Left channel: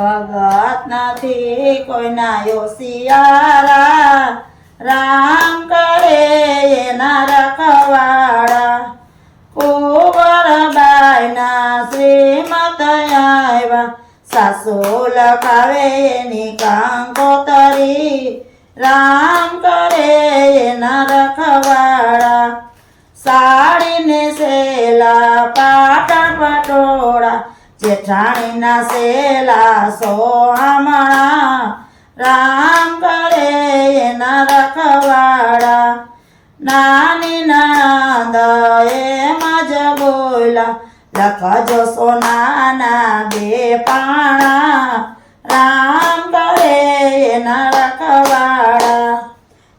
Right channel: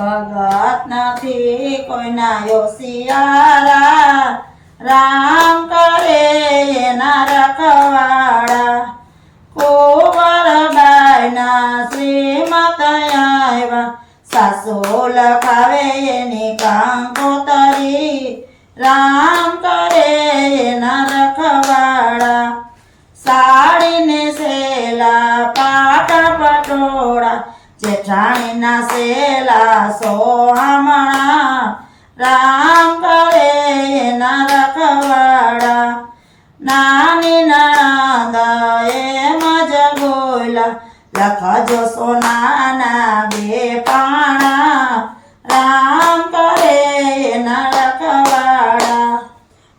ભગત નથી કોઈના યોશિયારા, રામ કરે એના રખવાડા. કુંવરબાઈના શ્રીમત આવ્યા, સાસુ લખાવે એની કંકોતરી, રામ કરે એના રખવાડા. સાડીને સેલા પાટણ પટોળા, જેઠાણીના સેલા સોહામણા, રામ કરે એના રખવાડા. નાની નણંદ એમ જ બોલા, લખજો સોનાના બે પાણા, રામ કરે એના રખવાડા.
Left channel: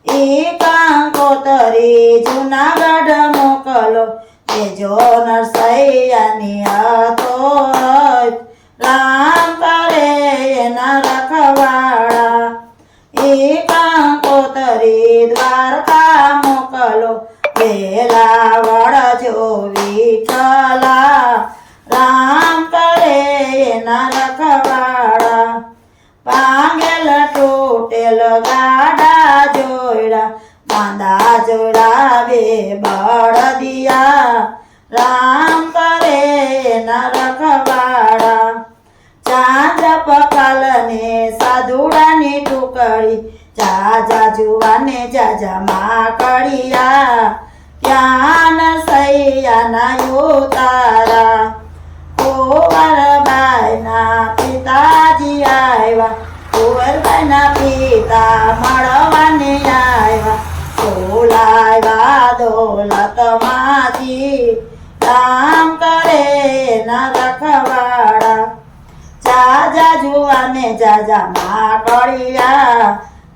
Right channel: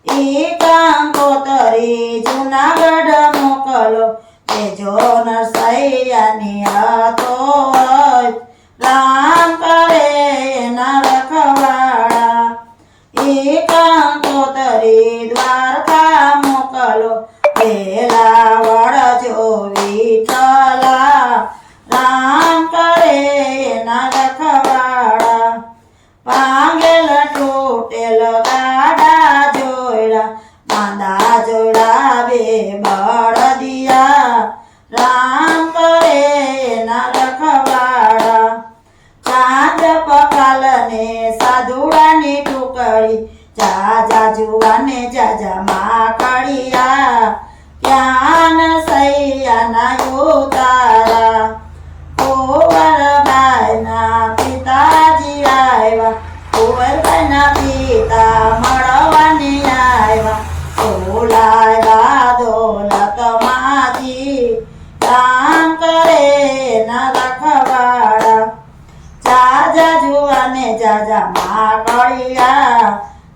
ઈ કંકોતરી જૂનાગઢ મોકલો, તેજો નરસૈયાની હતો, રામ કરે એના રખવાડા. ઈ કંકોતરી દ્વારકા મોકલો, પેલા વળજો વિઠ્ઠલા, રામ કરે એના રખવાડા. પાંગેલ તૂટેલ ગાડા જોડા, બાંધા જોડા બે બળદિયા, રામ કરે એના રખવાડા. ચાંદ પકાલને સાધુડાની ટુકડી, જાજા જુવાને જાજા માકડિયા, ત્યાં નરસૈયાના ઉતારા. કુંવરબાઈના પિતાજી આવ્યા, કુંવરબાઈના પિતા મળવાને આવ્યા, બોલાવ્યા દોલત માજી, રામ કરે એના રખવાડા. જાજા જુવાને જાજા માકડિયા,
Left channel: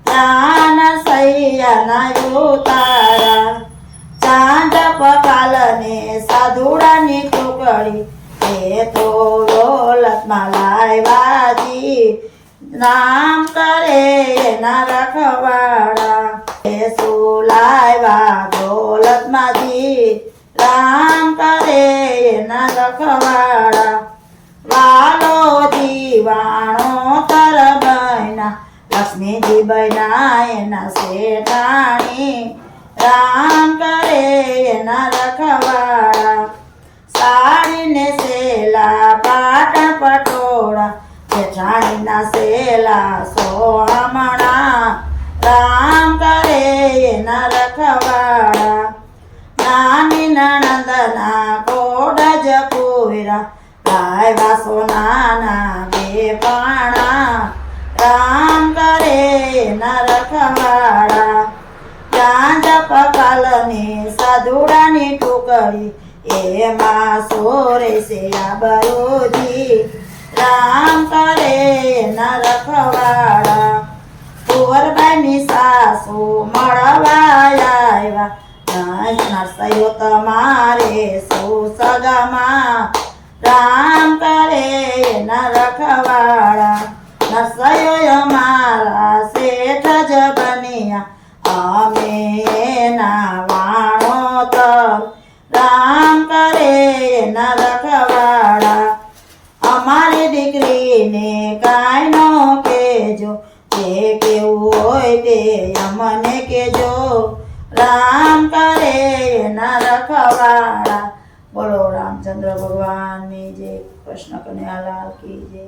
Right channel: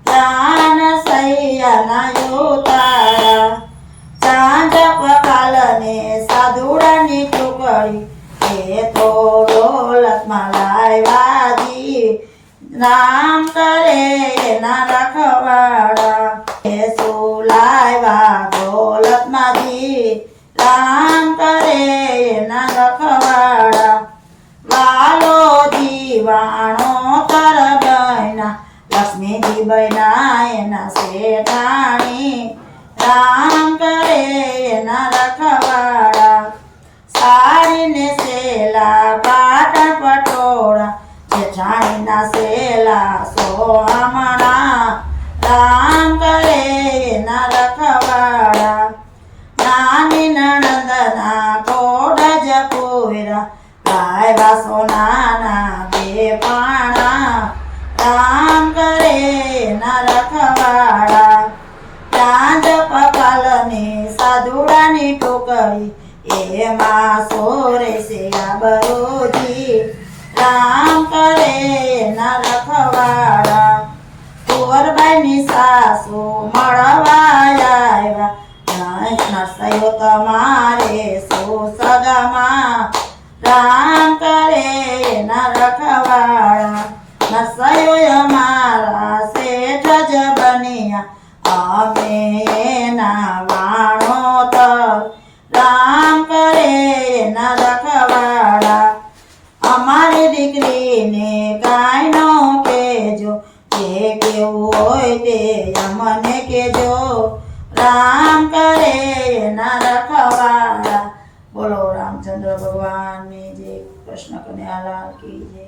ત્યાં નરસૈયાના ઉતારા. ચાંદ પકાલને સાધુડાની ટુકડી, એ તો દોલતમાં લાવ્યાજી, રામ કરે એના રખવાડા. એ સુલાવ્યા દોલતમાંથી, રામ કરે એના રખવાડા. વાલો દીવાણો તર બહેના, લક્ષ્મીજી બહેના એના શેઠાણી, રામ કરે એના રખવાડા. સાડીને સેલા પાટણ પટોળા, જેઠાણીના સેલા સોહામણા, રામ કરે એના રખવાડા. નાની નણંદના કોડ જ પૂરા, લાવ્યા સોનાના બે પાણા, રામ કરે એના રખવાડા. ચાંદ પકાલની સાધુડાની ટુકડી, એમાં સોરે છે આબરૂજી, રામ કરે એના રખવાડા. કુંવરબાઈની સાસુ મળવા આવ્યા, નરસૈયો તમારે સુસગામાં, રામ કરે એના રખવાડા. નરસૈયો અમારા શેઠ જ બન્યા, અમે એના વાણોતર, રામ કરે એના રખવાડા. અમારી દીકરીને કાંઈ ન કહેજો, જે કેવું હોય તે અમને કહેજો, રામ કરે એના રખવાડા. બોલો રામચંદ્ર ભગવાનની જય, કૃષ્ણ કનૈયાલાલ કી જય.